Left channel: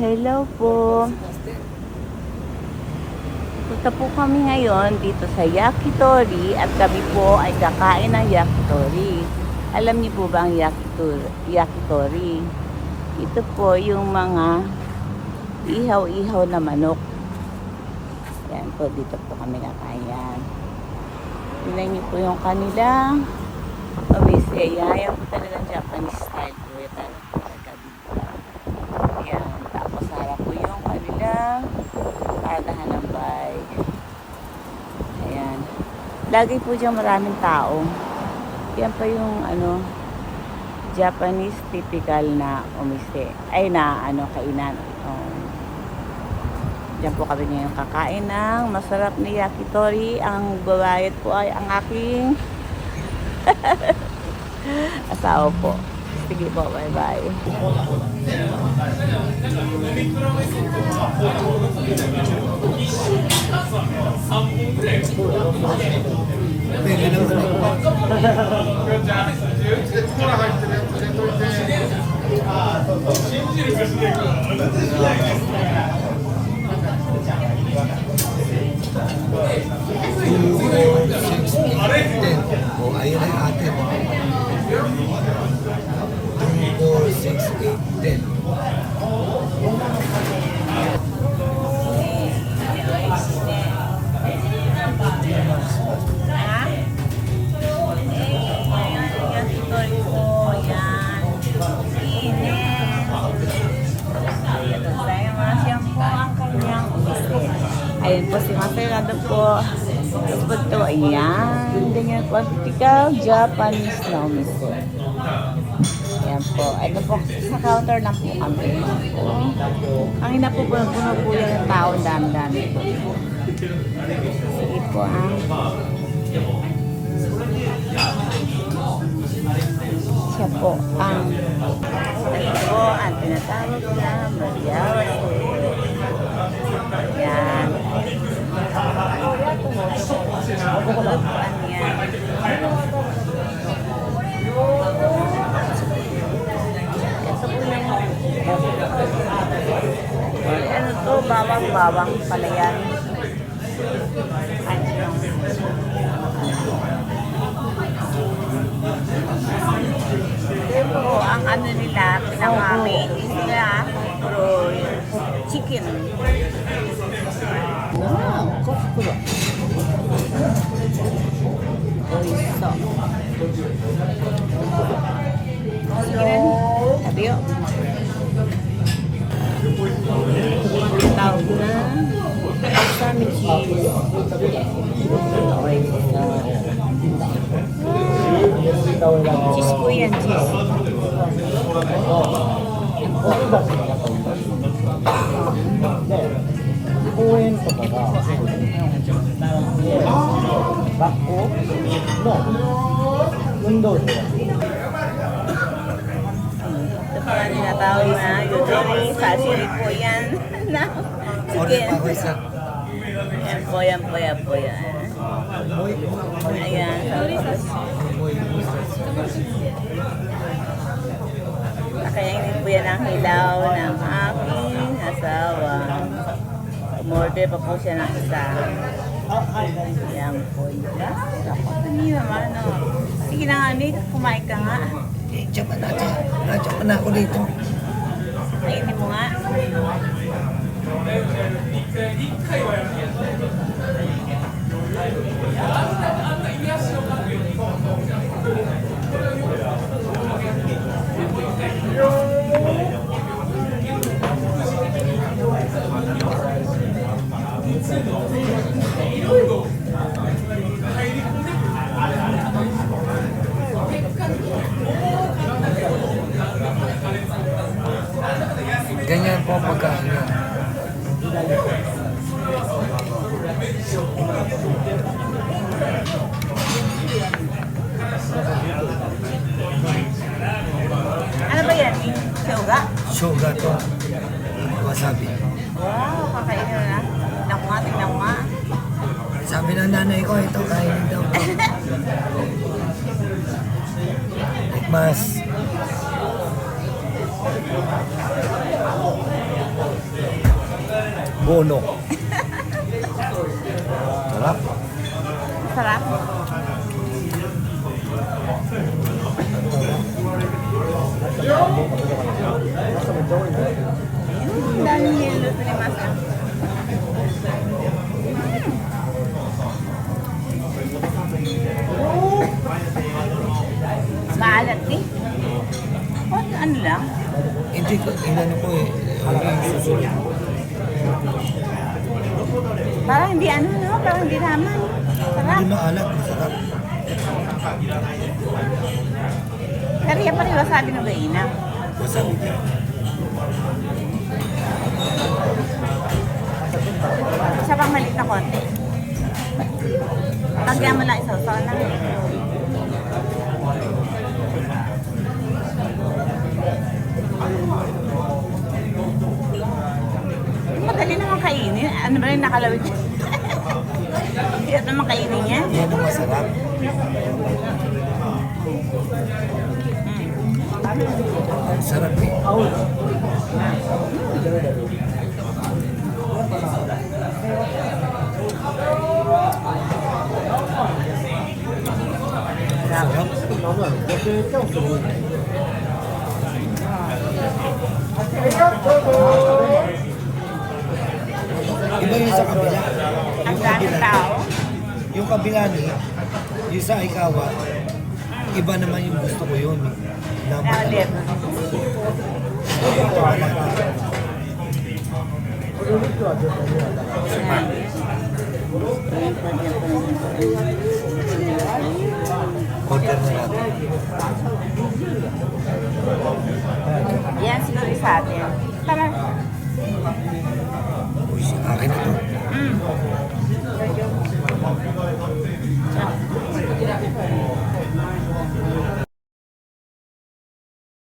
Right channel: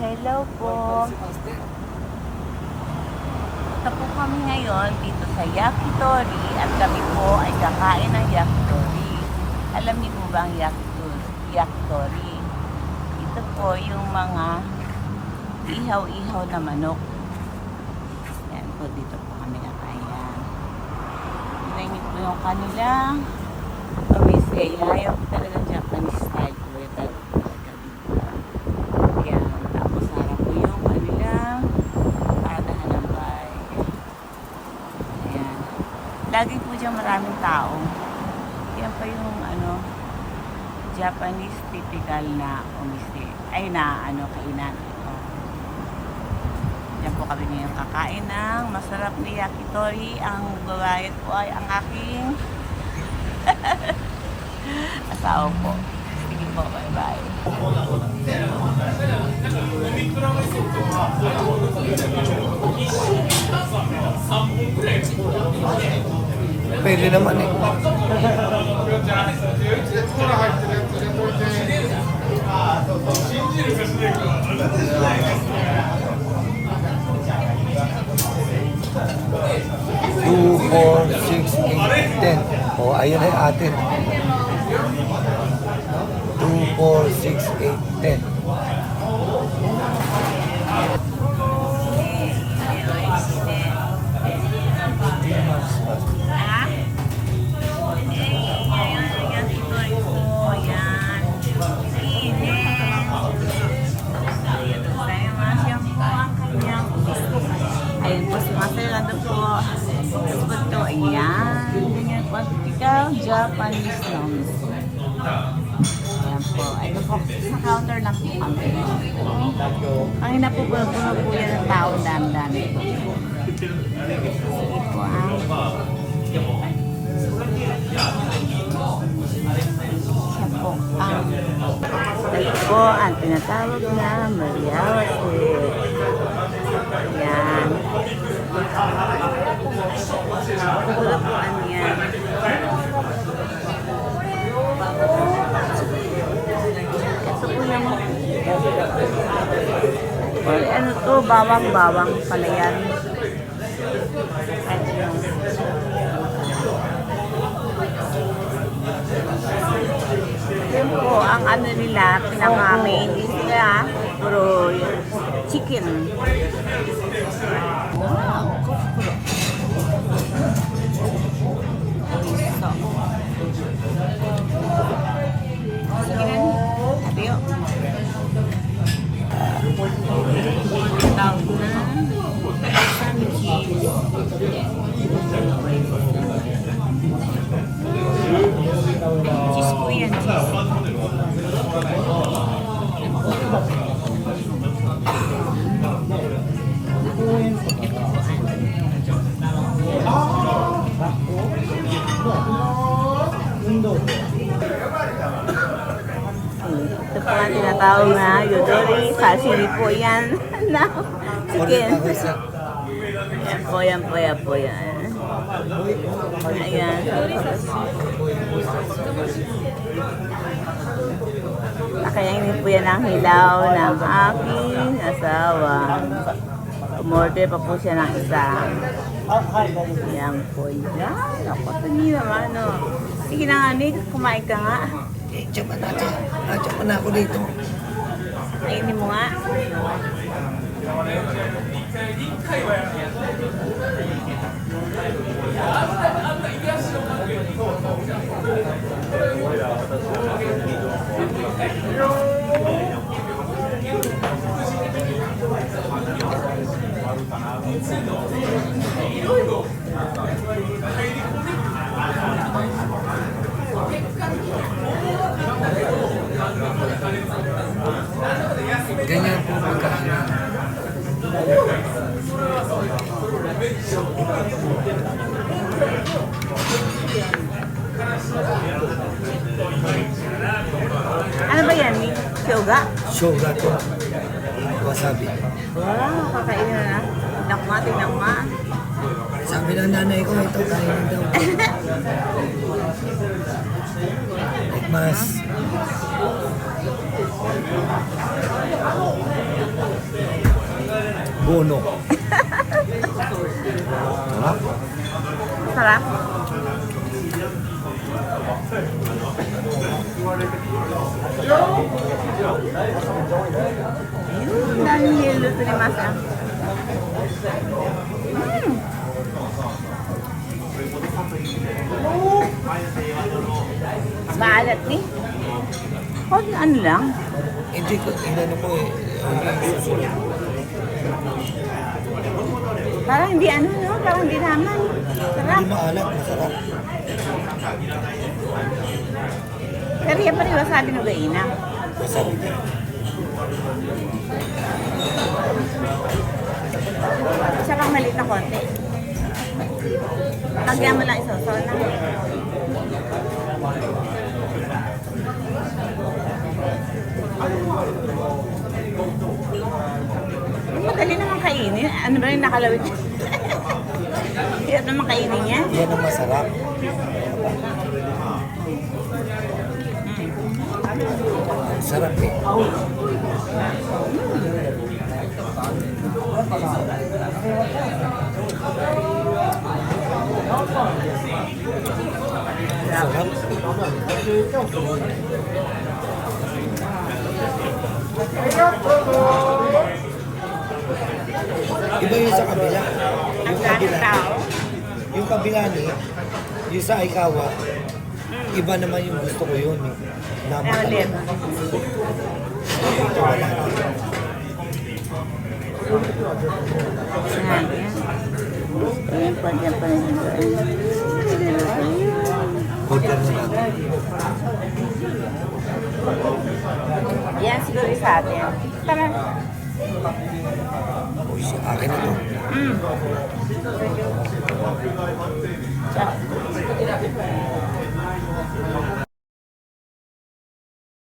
Hello po. Punta po kami ngayon dito sa Yakitori at kami po ay kakain ng Yakitori. Alam niyo po ba ang Yakitori? Ito po yung mga ihaw-ihaw na manok. Yan po, dito po kami kakain. Tingnan niyo po yung kanilang obviously, yan po talagang Japanese style po. Ayan, tapos harap po yung kanilang paratahan ng bahay. Ayan. Lagi po dyan maraming tao. Yan pa yung Japanese typical na umise. Ay na kainan. Diyan po kami ngayon kakain ng masarap na yakitori. Ang babayad po ay ang aking asawa po. Sige po, bye-bye. Pwede naman eh. Two, 4, 6, 8, 10. O, ayun ay atin. 2, 4, 6, 8, 10. Ayun po si Maserado po. Tapos po ito, ayan. Ganyan po. Typical Japanese na umise. Ayan po. Ito po, sa counter lang po kami. Kanina po puno po yan ng tao. Dami-dami po. Sige po siya po ang tinatawag na Mariawa. Ayan. Ano to? Bawang pala yan. Ito po ang nila, pinamami nila, puro chicken. Wow, kokuro. Sige na. Adiyo. Tawag na. Kasami cheese. Cheese po yan, cheese. Ito pa tinatawag na yakitori. Sashimi po yan. Chicken. Yan po. Ayan. Nakayainin po yan ang hilaw ng aking asawa. Umorder pa po siya ng isa. Ayan po yan. Ako, tani naman, Sige na nga, Nick. Kumain ka nga. Diyan pa natin. Diyan pa na ako dito. Kainin mo nga. Ganyan po pagkain. Ano ba yan, Nick? Shoga? Shoga to. Wasabi. Wow, kakainin na. Tingnan mo. Sabi ng nanay ko, ito kainin daw. Mas. bono. Sarap. Sarap. Ayun, daming yelo sa limasa. Maalat eh. Ano lang? Hindi ko, inano ko eh. Parang hindi ano, no? Parang hindi naman. Sarap. Hindi maalat, masarap. Pero yan pa rin wasabi ng gaina. Wasabi niya. Siya pang maliit na konti. Hanggang mo lang isasaw na. Madali naman kainin. Ano ba yung nakalawit? Hirap naman kainin yan. Yan ang masarap. Sarap eh. Iba yung sa kabila. Ang daming tao. Yung kabila niya, yung sa Ikawa, iba naman yung gusto ko yun. Na Ulit. Order na natin. Yan siguro yung sa atin. Tara. Uy, akin na to. Mm.